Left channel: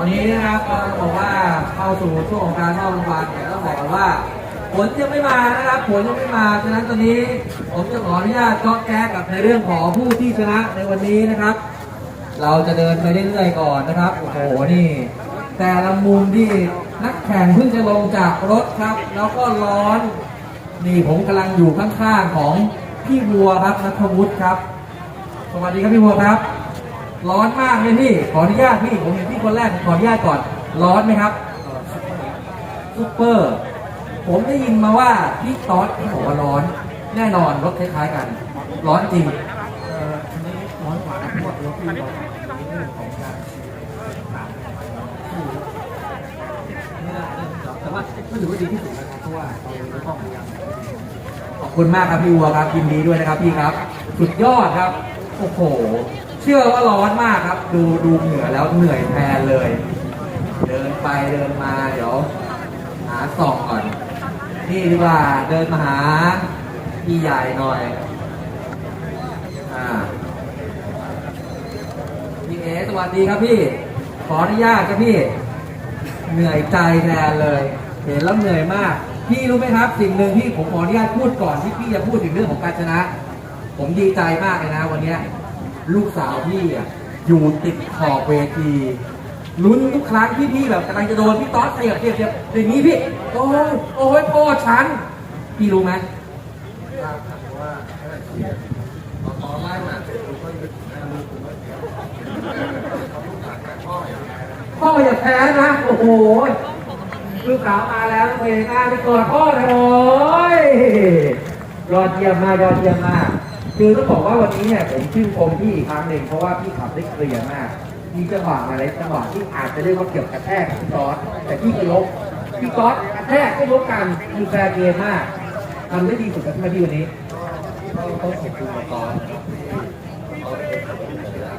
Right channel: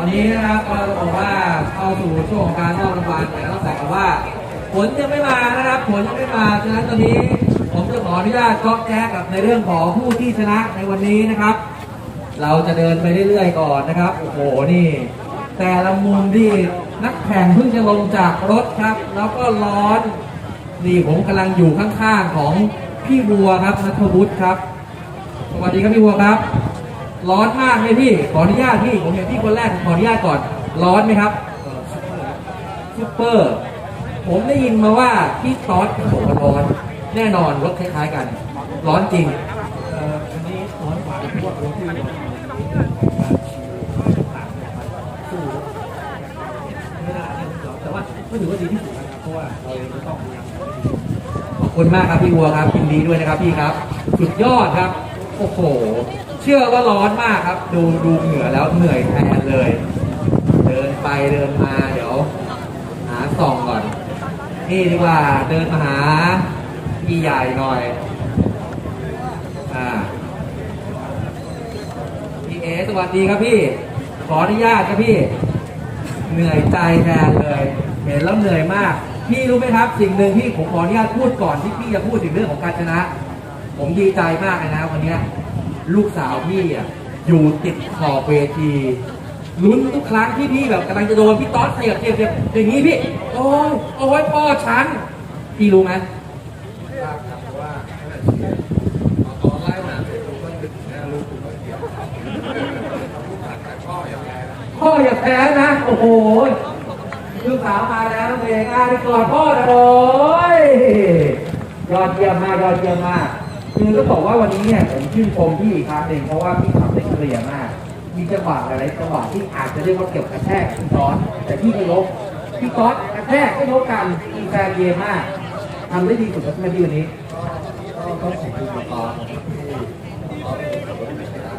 อนนี้นะครับก็จะบอกว่าเข้าสู่ช่วงของการรอบรางวัลแต่ต้องบอกกันว่า ผลยังไม่มานะครับผลยังไม่มาฉะนั้นตอนนี้ผมจะขออนุญาตก็แก้กับในเรื่องของผู้ที่ชนะในวันนี้นะครับ เราจะเดินไปเรื่อยๆก่อนนะครับโอ้โหนี่ แต่ละมุมที่นักแข่งเพิ่งจะลงจากรถครับ แล้วก็ร้อนนี่ผมกำลังอยู่ข้างๆของพี่บัวครับนัทวุฒิครับ สวัสดีครับพี่บัวครับ ร้อนมากเลยพี่ ขออนุญาตพี่ ผมอย่างพี่คนแรกขออนุญาตก่อน ร้อนไหมครับซุปเปอร์ ผมได้ยินมาว่าพี่ต๊อดบอกว่าร้อน แน่นอนรถคล้ายๆกัน ร้อนจริงอันนี้ร้อนกว่าทั่วที่ไม่ได้แต่ว่าก็ถือว่าดีที่สุดนะครับเพราะว่าเราต้องขอบคุณมากครับพี่วัวครับยินดีด้วยนะครับพี่ครับ สุดยอดครับ โอ้โห เชื่อว่าร้อนมากครับ ดูดูเหงื่อแล้วเหนื่อยแทนเลย เดินไปเดินมาเดี๋ยว หาส่องก่อน นี่ดีกว่าเดินมาหาพี่ใหญ่หน่อยอ่าพี่เอสวัสดีครับพี่ ขออนุญาตครับพี่ เหนื่อยใจแทนเลย เห็นแล้วเหนื่อยมากพี่รู้ไหมครับสิ่งหนึ่งที่ผมขออนุญาตพูดก่อนที่พี่จะพูดถึงเรื่องของการชนะ ผมดีใจมากเลยนะวันนี้ ลูกสาวพี่อะอยู่ติดขอบเวทีลุ้นทุกครั้งที่พี่แบบกำลังจะโดนพี่ต๊อดเสียบเสียบเสียบอย่างนี้พี่ โอ้ยโอ้ยพ่อฉัน พี่รู้ไหมพ่ออย่าแพ้นะ โอ้โหลูกสาวมาแล้วเองนะไปกอดพ่อหน่อยยอดเยี่ยมมากยอดเยี่ยมมาก คือต้องบอกว่าวันนี้เนี่ยผมชื่นชมพี่อีกครั้งหนึ่งเพราะว่าพี่ทำได้เคลียร์มาก มีจังหวะหลายๆจังหวะที่อาจจะเรียกว่าเกือบกระแทกพี่ต๊อดแต่พี่ไม่ลบพี่ต๊อดกระแทกไม่ลบกันมีแฟร์เกมมากทำได้ดีสุดกับที่มาที่วันนี้ก็ต้องขอบคุณตอนนะครับที่เขาเป็นคนที่ชนะ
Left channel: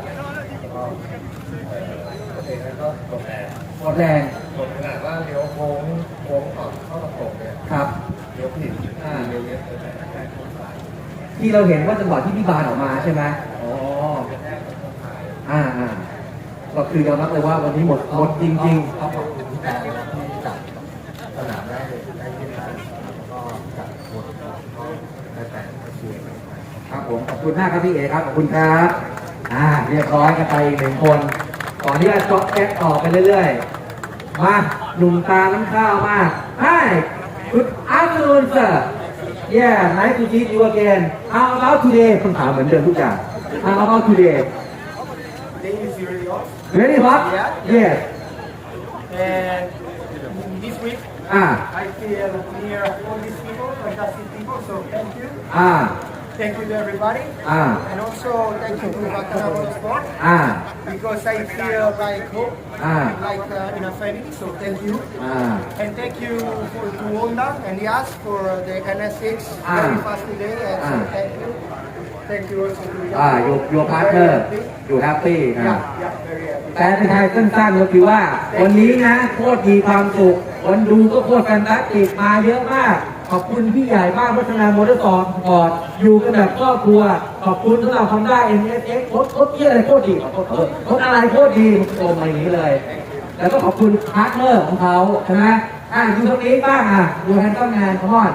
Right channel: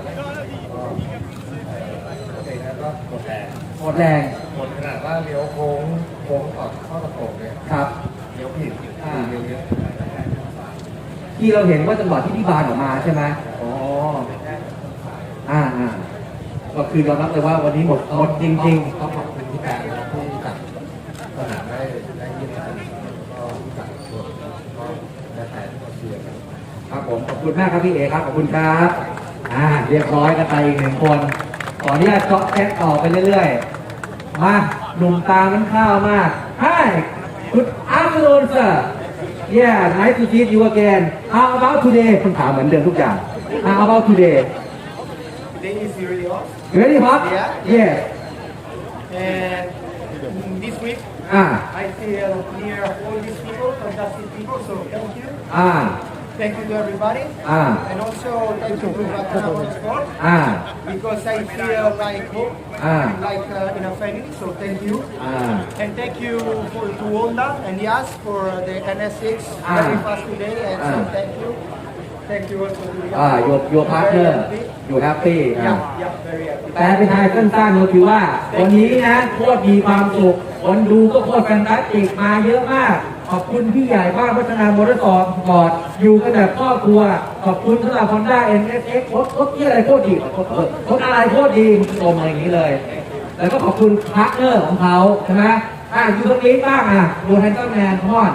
ก็โอเคแล้วก็หมดแรงหมดแรงหมดขนาดว่าเลี้ยวโค้งโค้งออกเข้าตะโกเนี่ยครับเลี้ยวผิดอ่าเลี้ยวเนี้ย ที่เราเห็นว่าจังหวะที่พี่บานออกมาใช่ไหมอ๋อ อ่าอ่าก็คือยอมรับเลยว่าวันนี้หมดหมดจริงก็ขอบคุณที่การที่จับสนามได้ได้ที่ได้แล้วก็จับตัวก็ได้แต่เชียร์ครับผมขอบคุณมากครับพี่เอครับขอบคุณครับอ่าเรียบร้อยกันไปอีกหนึ่งคนขออนุญาตจ็อกแก๊กต่อไปเรื่อยๆมาหนุ่มตาน้ำข้าวมาก Hi Good afternoon sir Yeah nice to meet you again How about today คุณถามเหมือนเดิมทุกอย่าง How about today Today is really hot. Very hot Yeah. Yes And this week, อ่า I feel near all these people, fantastic people. So thank you. อ่า Thank you to everybody. อ่า And also thank you to Vatana Sport อ่า because I feel like home, Ah. like uh, in a family. So thank you. อ่า And thank you for, to Honda and Yas for the NSX Ah. very fast today. And so Ah. thank you. Thank you also to อ่า Yas. โยโยพาร์ทเนอร์อยู่แฮปปี้อ่า Yeah, yeah, very happy. แฟนไทยสั้นๆก็คือว่า วันนี้นะโคตรมีความสุข คนดูก็โคตรแฟนตาติกมาเยอะมาก ขอบคุณพี่ใหญ่มากพัฒนามอเตอร์สปอร์ตอยู่กันแบบครอบครัว ขอบคุณสำหรับ Honda NSX รถรถเกียอะไรโคตรดีรถอะไรโคตรดีโตมาอย่างนี้เลย แล้วก็ขอบคุณพาร์ทเนอร์ของเขาใช่ไหมอ่าอยู่ตรงนี้บ้างอะดูแฮนต้นแมนพอด